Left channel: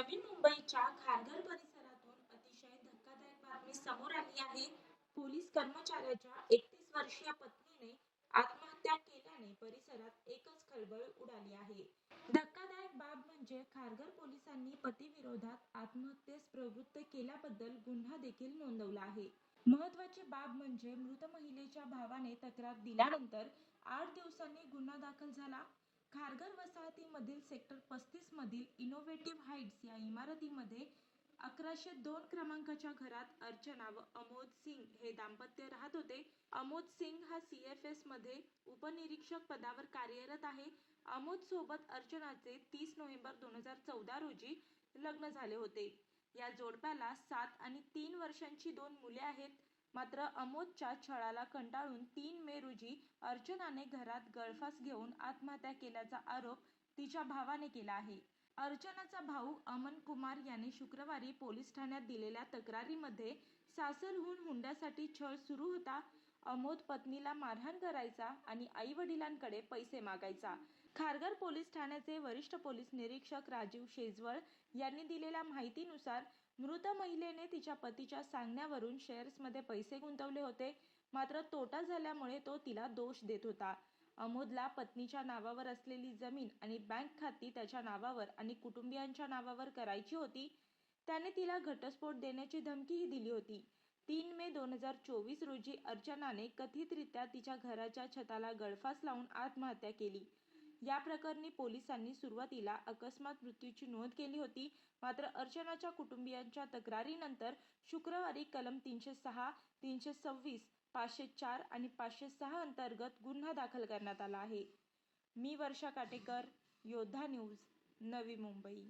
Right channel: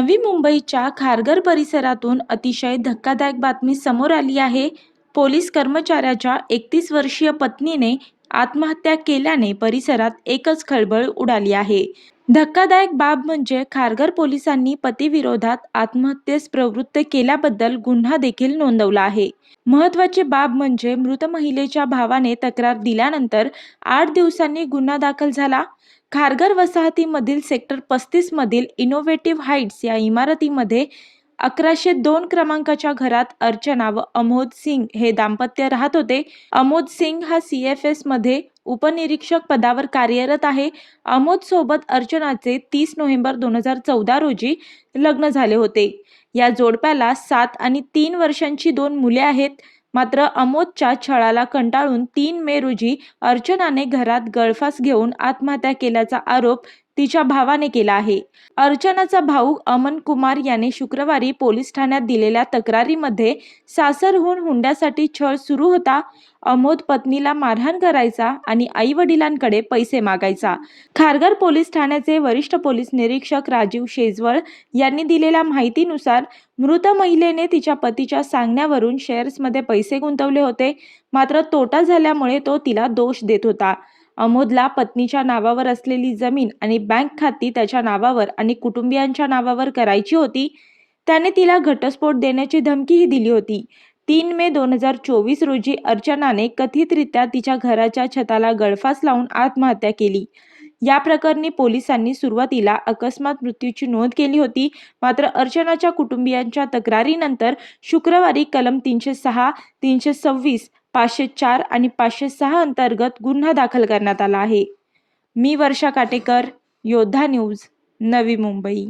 नवी मुंबईच्या खारघर परिसरातून अतिशय धक्कादायक बातमी समोर आली आहे. पोलीस कर्मचाऱ्याच्या एकतीस वर्षीय पत्नीने आत्महत्या केल्याने परिसरात एकच खळबळ उडाली आहे. धक्कादायक बाब म्हणजे खारघर पोलिसांनी पतीविरोधात आत्महत्येस प्रवृत्त केल्याबद्दल गुन्हा देखील नोंदवला आहे. महत्वाची बाब म्हणजे मृत महिलेच्या भावाने तक्रार दिल्यानंतर आठ दिवसांनी गुन्हा दाखल झाला. खारघर वसाहतीमधील सेक्टर पस्तीसमधील इनोव्हेटिव्ह हाईट्स या इमारतीमध्ये अकराशे दोन क्रमांकाच्या घरात अर्चना व अमोद सिंग हे दाम्पत्य राहत होते. अमोद सिंग हा सी एफ एसमध्ये उपनिरीक्षक पदावर कार्यरत आहे. अमोद सोबत अर्चनाचे तीस नोव्हेंबर दोन हजार चौदा रोजी लग्न झाले होते. या जोडप्याला सात आणि तीन वर्षांची दोन मुले आहेत. मात्र अमोदच्या छळाला कंटाळून तीन मे रोजी अर्चनाने घरात गळफास घेऊन आत्महत्या केल्याचा आरोप तिच्या भावाने केला आहे. अर्चनाचा भाऊ अमन कुमार याने शुक्रवारी पोलीस ठाण्यात दिलेल्या तक्रारीमध्ये सासरहून हुंड्यासाठी छळ सुरू होता अमोद पत्नीला मारहाण करायचा आणि आई वडिलांकडे पैसे मागायचा. खारघर पोलीस ठाण्याचे वरिष्ठ पोलीस निरीक्षक राजीव शेजवळ यांनी दिलेल्या माहितीनुसार मृत महिलेने तिच्या पतीच्या सांगण्यावरून शेअर्समध्ये पैसे गुंतवले होते मात्र तोटा झाल्यामुळे तो तिला दोष देत होता. अमोदला पत्नीच्या नावावर असलेली जमीन आणि बँक खाती त्याच्या नावावर आणि कुटुंबियांच्या नावावर करायची होती त्याने तिला घटस्फोट देण्याची धमकीही दिली होती. तीन मे दोन हजार चोवीस रोजी अर्चनाने कथितरित्या तिच्या घराच्या छताला गळफास लावून आत्महत्या केली. या प्रकरणी पोलिसांनी सुरुवातीला अकस्मात मृत्यूची नोंद केली होती. मात्र अर्चनाच्या कुटुंबियांच्या तक्रारीनंतर शुक्रवारी कलम तीनशे सहा तीनशे सव्वीस पाचशे चार आणि पाचशे सहा अंतर्गत गुन्हा दाखल करण्यात आला आहे. मी वर्षा काटेकर योद्धा न्यूज नवी मुंबई.